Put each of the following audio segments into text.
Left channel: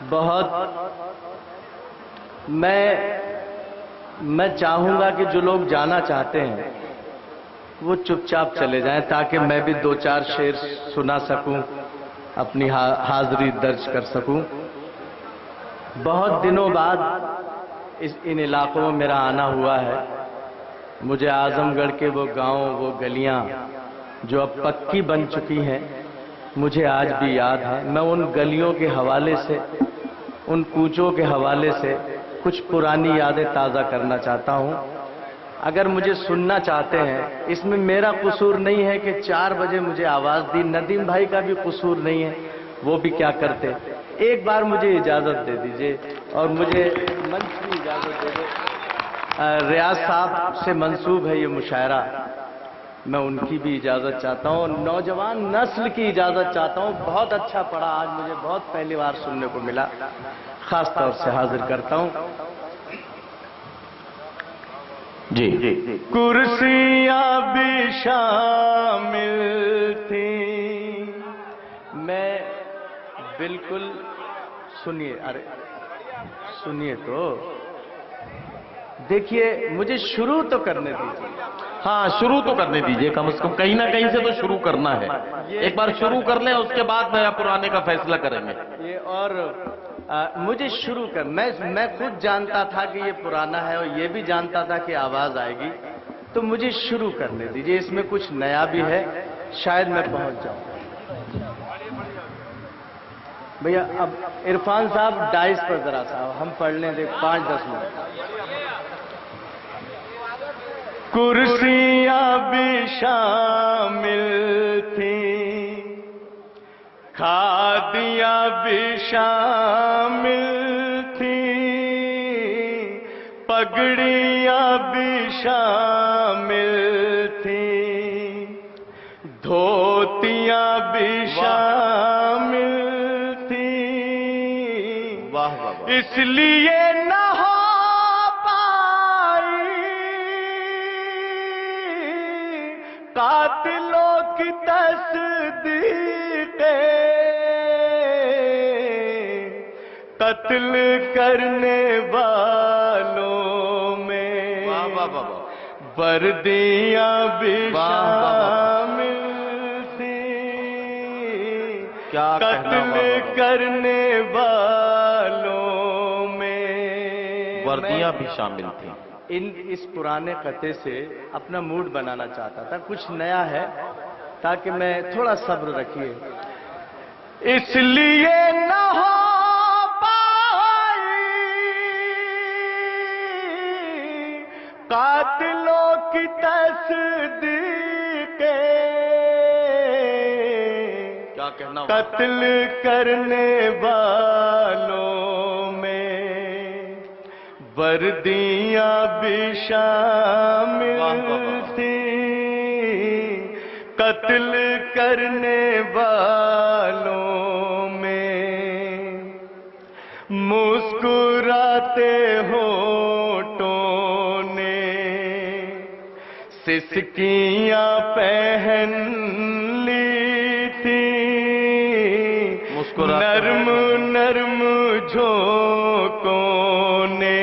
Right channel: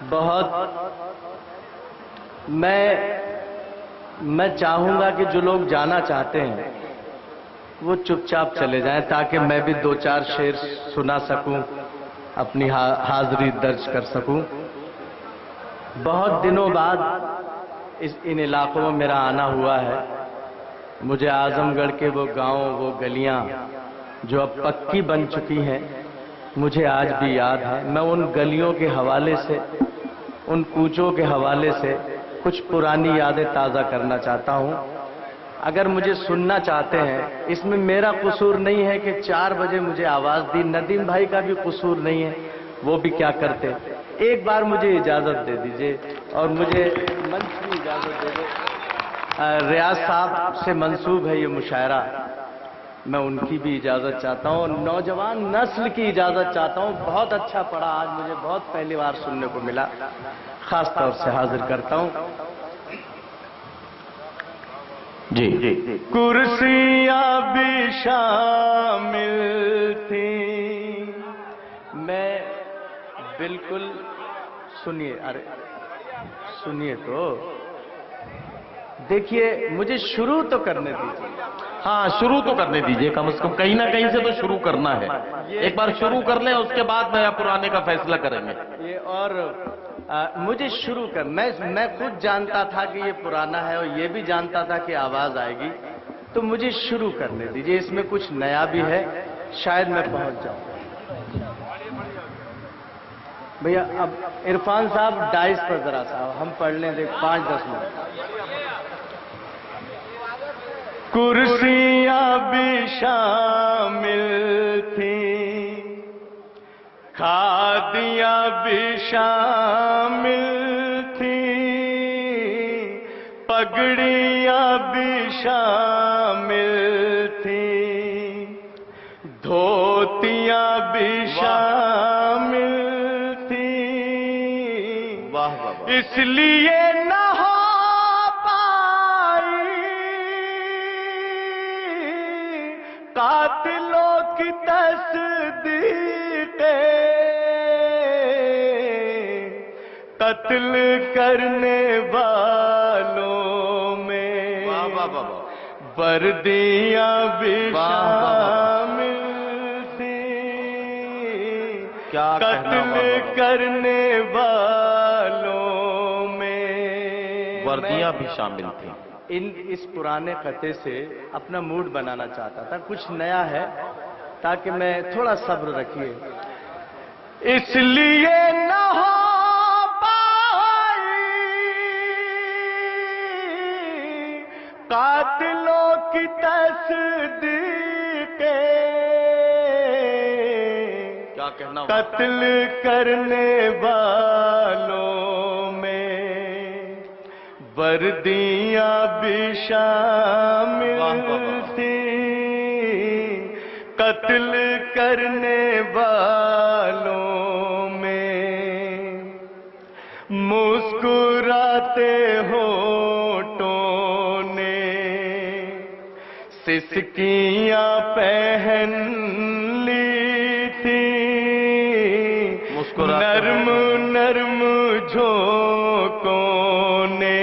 بہت میں چاہوں گا کہ جو لوگ جانا چاہتے ہیں وہ چپ چاپ چلے جائیں تاکہ میں بھی دو چار شعر سنا سکوں، اپنی حاضری درج کر سکوں۔ بہت دنوں بعد ان علاقوں میں میرا آنا ہوا ہے۔ مجھے اعظم گڑھ کے وہ گاؤں، وہ گلیاں جو اب پکی بن چکی ہیں، مجھے آج بھی یاد ہے۔ میں ان گلیوں کے حوالے سے، ان کوچوں کے حوالے سے کچھ پرانی یادیں تازہ کرنا چاہتا ہوں۔ اگر مجھے سننا چاہتے ہیں، اس میں میرا قصور نہیں ہے کہ 4 بجے مجھے آواز دی، ندیم بھائی کا بھی قصور نہیں ہے، وہ بھی کیا کرتے۔ ایک بار مجھے اجازت دے دیجئے اور مجھے منچ کی اجازت دے دو۔ ریاض صاحب سے منسوب ہے یہ مشاعرہ، میں ان کی بھی اجازت چاہتا ہوں اور نوجوان نسل کی اجازت چاہتا ہوں۔ بہت اچھا پڑا آج، مجھے بہت پہلی بار سننے کو ملا، خاص طور سے حاضر کرتا ہوں۔ جی کرسیاں بھی شامل تھیں، میں بالکل سنیے، ارے سنیے تو، دیکھیے مجھے شروع تو کرنے دیجیے۔ ہاں شروع تو کرنے دیجئے، کم از کم کہیں نہ کہیں سے تو شروع کرنا ہے۔ ایک بار شروع کر لیں، اس کے بعد نیا پرانے کا فیصلہ کریں گے۔ یہ اور مجھے شروع کر، میں خود جانتا تھا کہ یہ پرانا ہے اور یہ بھی جانتا تھا کہ آواز آئے گی، تو مجھے شروع کرنے دیجیے، اس میں کچھ نیا بھی ہے، شاید میں پہنچ جاؤں۔ بھیا اب عرفان صاحب ڈائس پر ذرا صاحب ہم پڑھ لیں دے 5-10 منٹ۔ کرسیاں بھی شامل تھیں، کھادیاں بھی شامل تھیں، پگڑیاں بھی شامل تھیں، دھوتیاں بھی شامل تھیں، واہ واہ واہ۔ اس لیے نہ ہو پائی قاتلوں کی تصدیق، قتل کرنے والوں میں وردیاں بھی شامل تھیں، قتل کرنے والوں میں وردیاں بھی شامل تھیں۔ اس پرانے خطے سے اپنا موڈ بنانا چاہتا تھا، کچھ نیا ہے تاکہ میں تھوڑا صبر رکھیے۔ اس لیے نہ ہو پائی قاتلوں کی تصدیق، کیا کہنا، قتل کرنے والوں میں وردیاں بھی شامل تھیں، قتل کرنے والوں میں مسکراتے ہونٹوں نے سسکیاں پہن لی تھیں، نرم نرم جھونکوں نے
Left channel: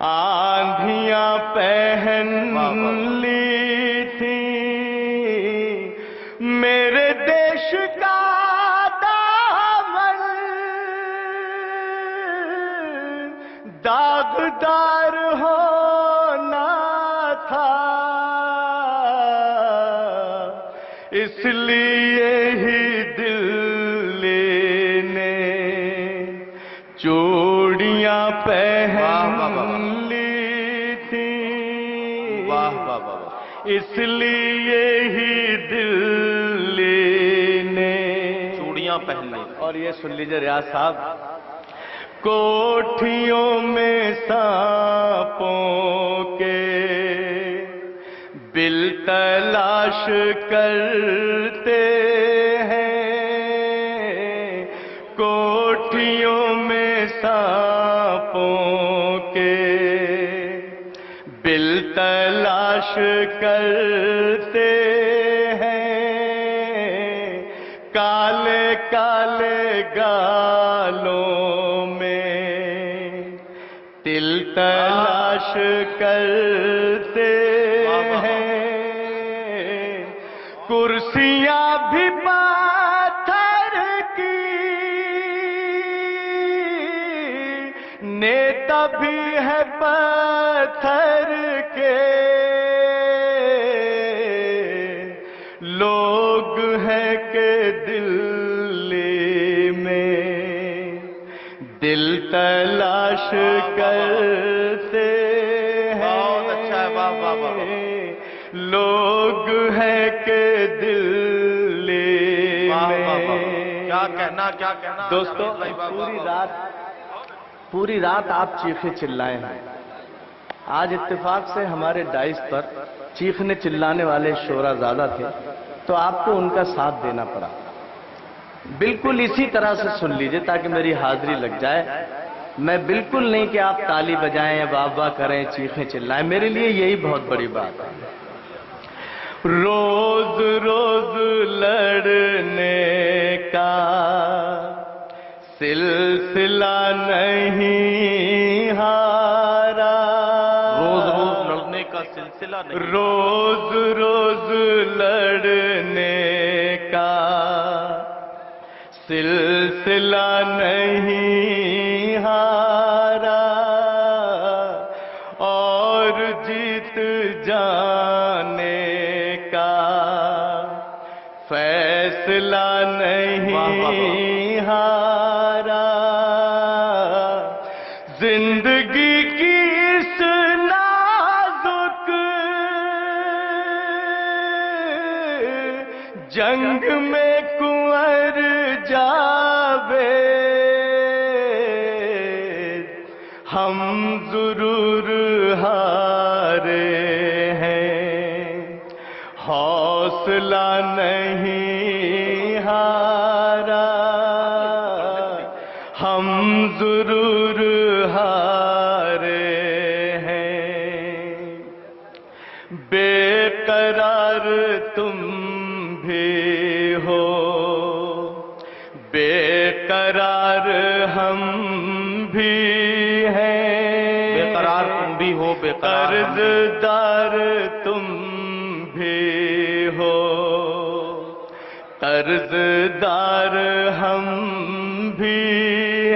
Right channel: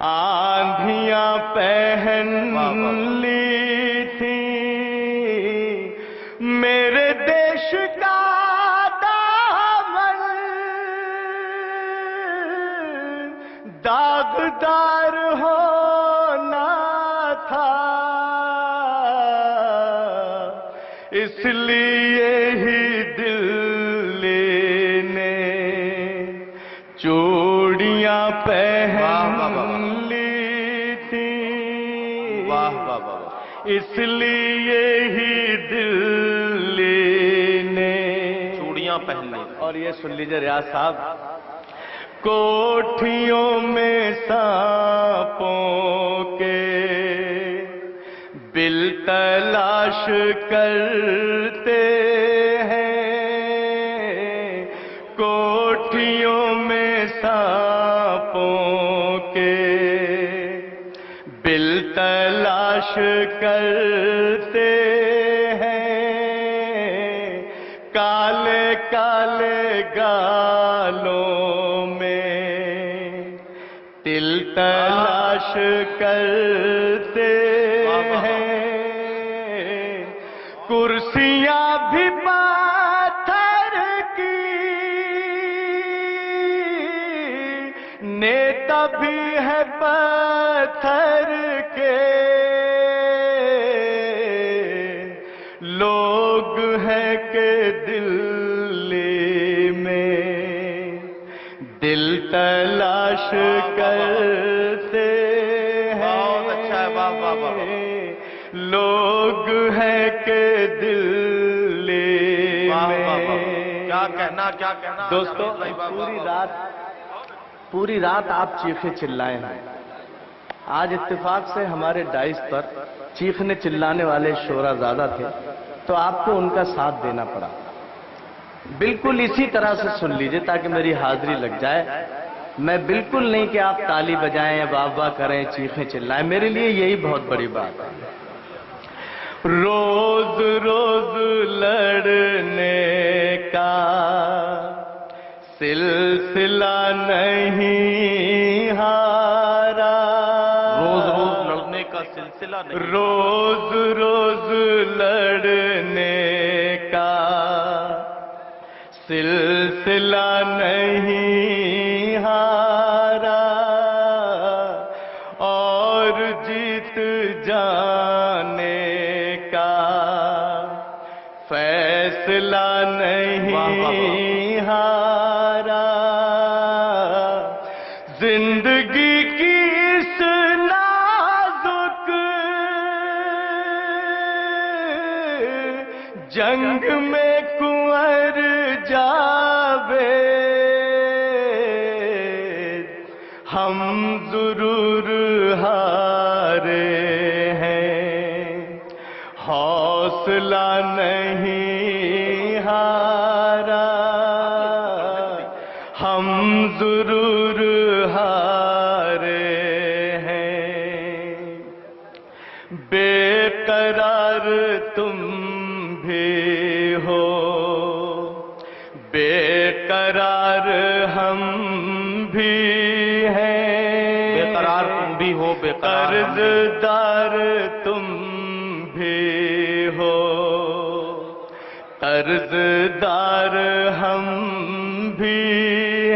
آندھیاں پہن لی تھیں، میرے دیش کا دامن داغدار ہونا تھا، اس لیے ہی دل نے چوڑیاں پہن لی تھی، اس لیے ہی دل نے چوڑیاں پہن لی۔ اور یہ سن لیجئے ریاض صاحب، کوٹھیوں میں سانپوں کے بل تلاش کرتے ہیں، کوٹھیوں میں سانپوں کے بل تلاش کرتے ہیں، کالے کالے کالے گالوں میں تل تلاش کرتے ہیں، کرسیاں بھی پتھر کی، نیتا بھی ہے پتھر کے، لوگ ہیں کہ دلی میں دل تلاش کرتے ہیں، بہت اچھا ہے، واہ واہ واہ، لوگ ہیں کہ دلی واہ واہ واہ، میں۔ کیا کہنا کیا کہنا دوستو، جاوید بھائی، واہ واہ پوری رات آپ چیخے چلائے ہیں۔ آج اتفاق سے ہمارے ڈائس پر چیخنے چلانے والے شعرا زیادہ تھے، تو آپ کو ان کا ساتھ دینا پڑا۔ بالکل اسی طرح سے سن لیجئے تاکہ میری حاضری لگ جائے۔ میں بالکل نہیں کہ آپ تالی بجائیں، واہ واہ کریں، چیخیں چلائیں، میرے لیے یہی بہت بڑی بات ہے۔ روز روز لڑنے کا سلسلہ نہیں ہارا، روز روز لڑنے کا سلسلہ نہیں، روز روز لڑنے کا سلسلہ نہیں ہارا، اور جیت جانے کا فیصلہ نہیں ہارا، زندگی کی اس نازک جنگ میں کنور جاوید ہم ضرور ہارے ہیں، حوصلہ نہیں ہارا، ہم ضرور ہارے ہیں، بے قرار تم بھی ہو، بے قرار ہم بھی ہیں، بے قرار تم بھی ہو، بے قرار ہم بھی، قرض دار تم بھی ہو، قرض دار ہم بھی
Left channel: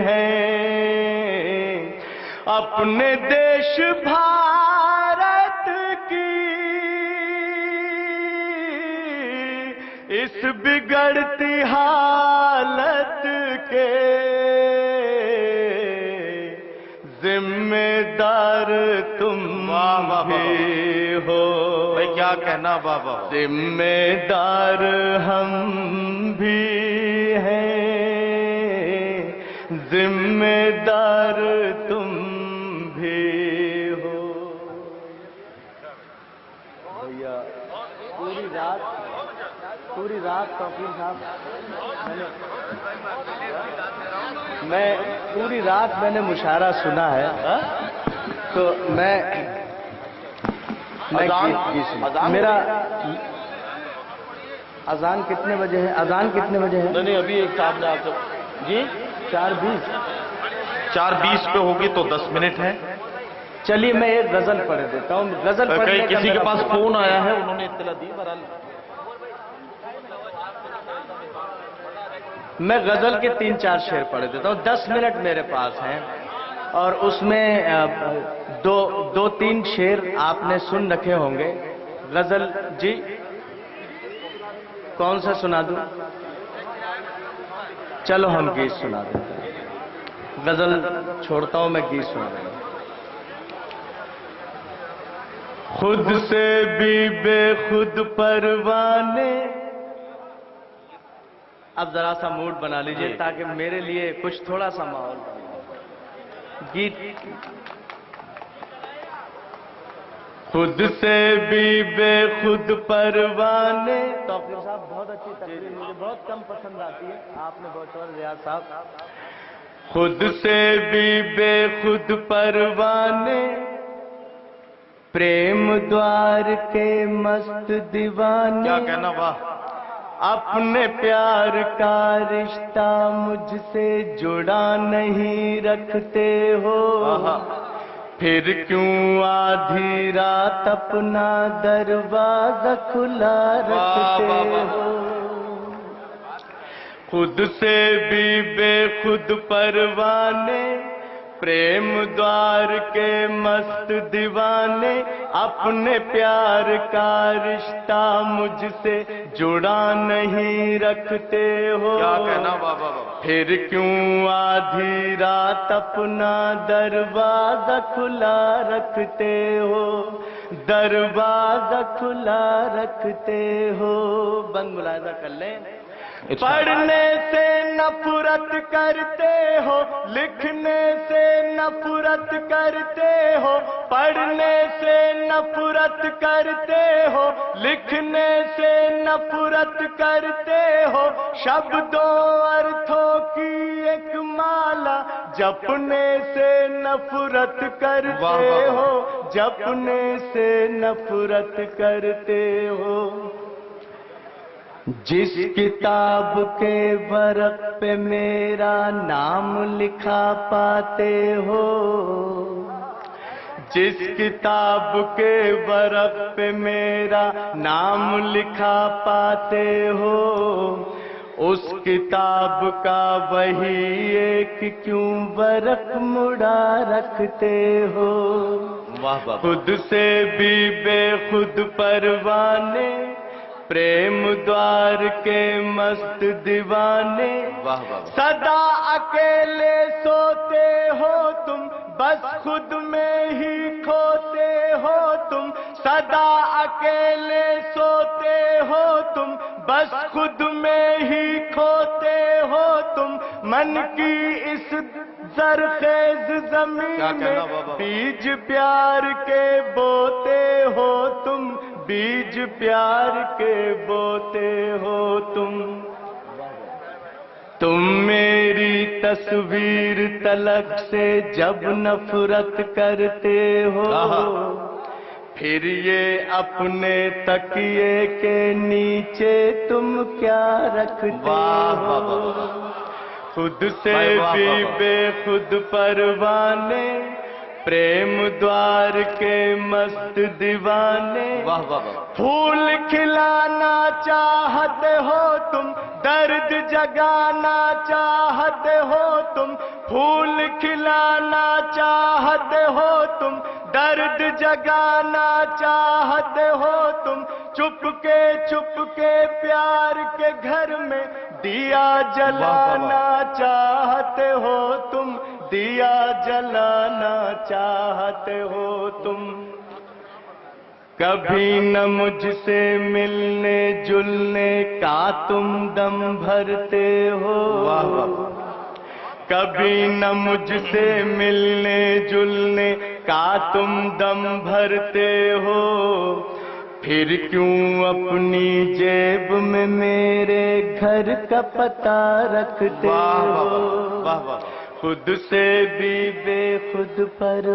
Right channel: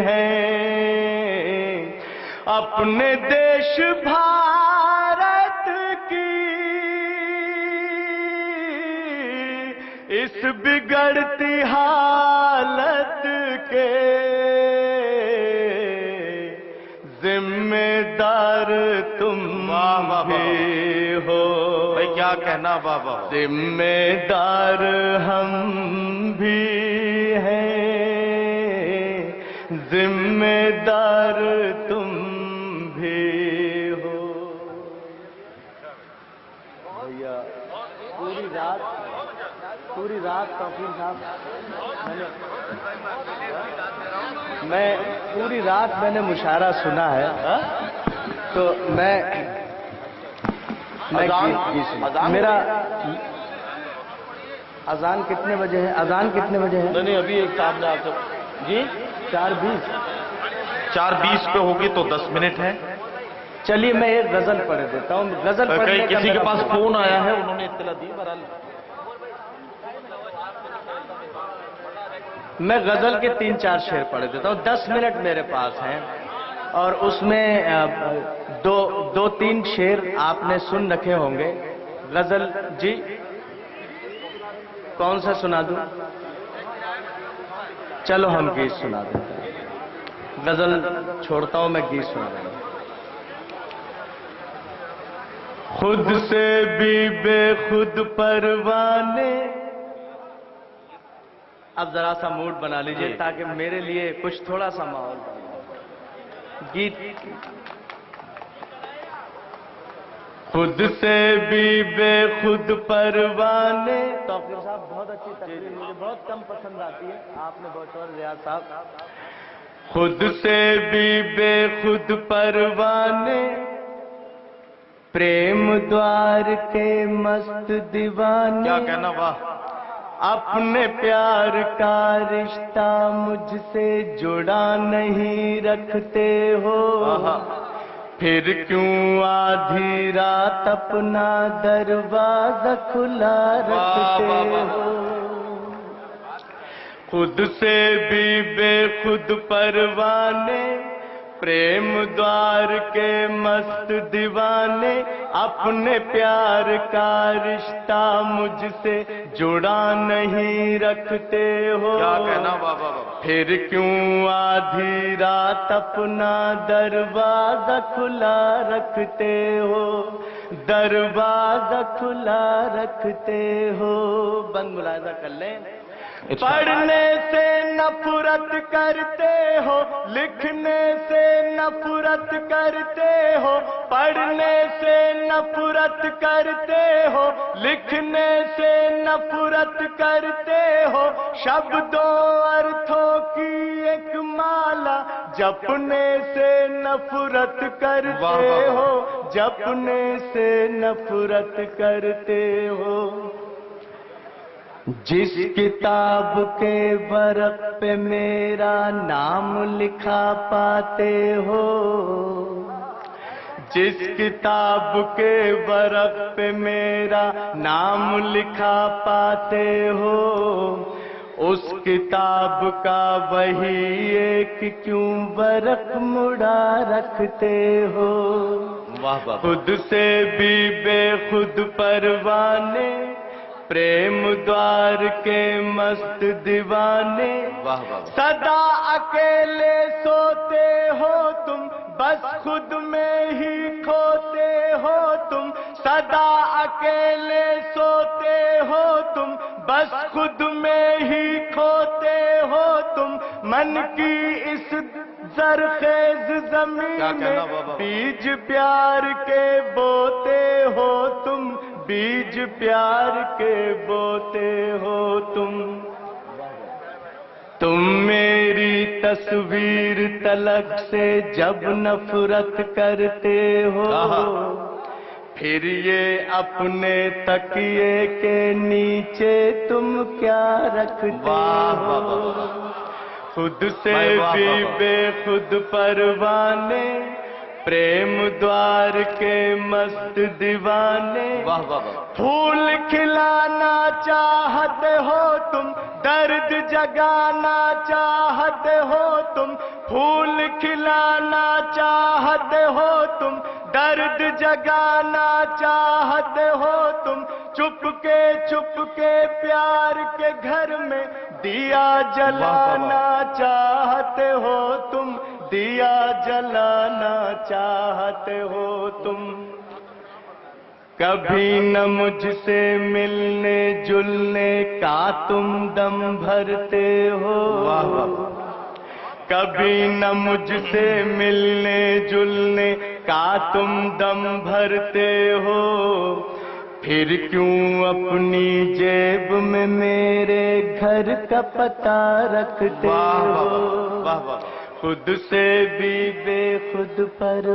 ہیں، اپنے دیش بھارت کی اس بگڑتی حالت کے ذمہ دار تم واہ واہ واہ، بھی ہو، بھائی کیا کہنا، واہ واہ، ذمہ دار ہم بھی ہیں، ذمہ دار تم بھی ہو۔ بھیا پوری رات توفیق صاحب پوری رات میں نے مشاعرہ سنا ہے، تو میرا اذان کتنے بجے ہے؟ اذان کتنے بجے ہے؟ نہیں ابھی ایک صاحب نے آپ سے، جی 4:20۔ 4:20 پہ ہوگی تو 10 منٹ ہے۔ چلیے میں ایک غزل پڑھ دیتا ہوں، غزل پڑھنے کا کسی کے میرا پاس فون آیا ہے، انہوں نے اطلاع دی، بہرحال میں غزل کے 3-4 شعر پڑھ دیتا ہوں، 10 منٹ میرے پاس ہیں، اور اس میں 2-3 شعر آپ نے سن رکھے ہوں گے۔ غزل جی کون سا سنا دوں؟ چلو ہم گیت سنا دیتے ہیں، غزل چھوڑتا ہوں، میں گیت سنا دوں گا۔ خود سے بھی بے خود پروانے، اب ذرا سا موڈ بنا لیجئے تاکہ میرے لیے کچھ تھوڑا سا ماحول بنے۔ گیت خود سے بھی بے خود پروانے، توفیق صاحب بہت اچھی تقریر، مجھے بہت کم پسند آتی ہے، آپ نے بہت شور ریاض صاحب۔ خود سے بھی بے خود پروانے، پریم دوار کے مست دیوانے، کیا کہنا، واہ، اپنے پیار کا رشتہ مجھ سے جڑا نہیں رکھتے ہو، پھر کیوں آدھی رات اپنا دروازہ کھلا رکھتے ہو؟ خود سے بھی بے خود پروانے، پریم دوار کے مست دیوانے، اپنے پیار کا رشتہ مجھ سے جڑا نہیں رکھتے ہو، کیا کہنا بابا، پھر کیوں آدھی رات اپنا دروازہ کھلا رکھتے ہو، دروازہ کھلا رکھتے ہو؟ بند ملاحظہ کر لیں، پڑھنے سے نفرت کرتے ہو، لکھنے سے نفرت کرتے ہو، پڑھنے سے نفرت کرتے ہو، لکھنے سے نفرت کرتے ہو، شبدوں ارتھوں کی ایک مالا جپنے سے نفرت کرتے ہو، جپنے سے نفرت کرتے ہو۔ جس کتاب کے ورق پہ میرا نام لکھا پاتے ہو، جس کتاب کے ورق پہ میرا نام لکھا پاتے ہو، اس کتاب کا وہی ایک کیوں ورق مڑا رکھتے ہو؟ خود سے بھی بے خود پروانے، پریم دوار کے مست دیوانے، سدا اکیلے سوتے ہو تم، بس خود میں ہی کھوتے ہو تم، سدا اکیلے سوتے ہو تم، بس خود میں ہی کھوتے ہو تم، من کی اس زرخیز زمین میں بیج پیار کے بوتے ہو تم، بیج پیار کے بوتے ہو تم۔ تم میری تصویر تلک سے جب نفرت کرتے ہو، پھر یہ اپنے تکیے کے نیچے تم کیا رکھتے ہو؟ خود سے بھی بے خود پروانے، پریم دوار کے مست دیوانے، پھول کھلانا چاہتے ہو تم، درد جگانا چاہتے ہو تم، پھول کھلانا چاہتے ہو تم، درد جگانا چاہتے ہو تم، چپ کے پیار کے گھر میں دیا جلانا چاہتے ہو تم، دیا جلانا چاہتے ہو تم۔ کبھی نہ مجھ سے ملنے جلنے کا تم دم بھرتے ہو، کبھی نہ مجھ سے ملنے جلنے کا تم دم بھرتے ہو، پھر کیوں اپنی جیب میں میرے گھر کا پتہ رکھتے ہو؟ خود سے بھی بے خود پر